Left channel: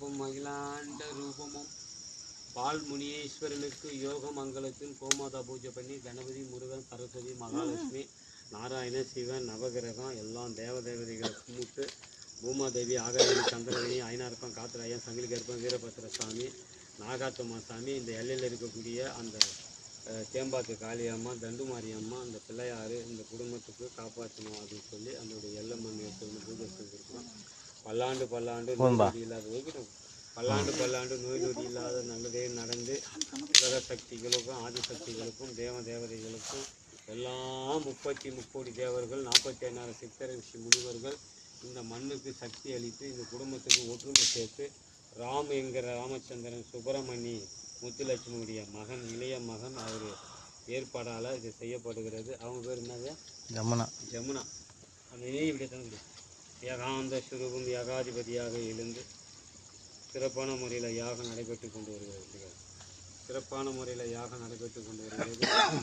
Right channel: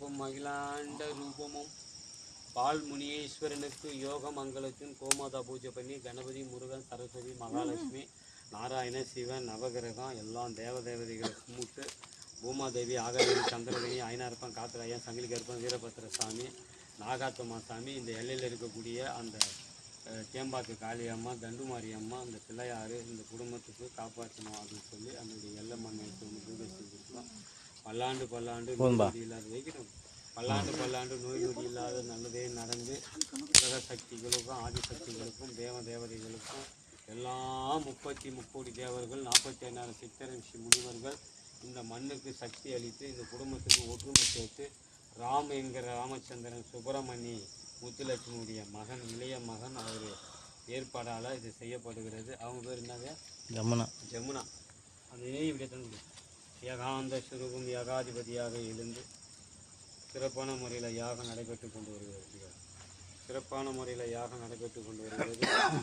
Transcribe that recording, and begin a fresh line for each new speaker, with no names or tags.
ரூபம் மகிழாண்ட ரூபமும் பால் முனீஸ்வரனுக்கு யோக மங்களத்தின் கோமாதா பூஜை பண்ணி கணபதி முருகன் சரஸ்வதி மகாலட்சுமி நாராயண சிவன் நவகிரகம் எல்லாம் தேவதேவதைகளை கும்பிட்டு பூமாதேவி ஆகவேணி சந்திரமணி ஐநார்ப்பன் காத்திராயன் சமிலிகற்பன் வீரபத்திர சாமி நாகாத்தம்மா சாமி இந்த எல்லையில் இருக்கக்கூடிய அந்த தேம்பாத்து காளியம்மா தண்டுமாரி அம்மா அந்த பிள்ளையாறு இந்த குடும்பத்துக்கு காப்பாற்றணும் அப்படின்னு சொல்லி அதனுடைய எல்லம்மன் வந்து பூஜை பல்லாண்டு பல்லாண்டு நோய் இல்லாத வைக்கணும் பல்லாண்டு பல்லாண்டு நோய் நொடி இல்லாத நல்லதே நடந்து கிரக சக்திகளுக்கும் ஆதிசக்திகளுக்கும் தேவ தேவதைகளுக்கும் எல்லாம் முப்பத்தி முக்கோடி தேவர்கள் நாற்பத்தி ஐநாறு சித்தர ரிஷி முனிவர்கள் இந்த மண்ணுக்கு சக்தி அளித்து இந்த குடும்பத்துக்கு ஒற்றுமை சேர்த்து ராம் என்கிற ராமச்சந்திரன் சுப்பிரமணி முத்துலட்சுமியுடைய மகன் இளைய மகன் அவர் ஏற்பாடால் இது செய்யப்படுகிறது. அவங்க பேர் என்னது?
ஜமுனா.
ஜமுனா. அதே இப்படி தான். ஏகாந்த சுரூபம் ஏகாதிபதியாக எழுந்து சிறப்பான முறையில் யாகம் நடைபெற்று கொண்டு வருகிறது சிறப்பான முறையில் யாகம் நடைபெற்று கொண்டு வருகிறது.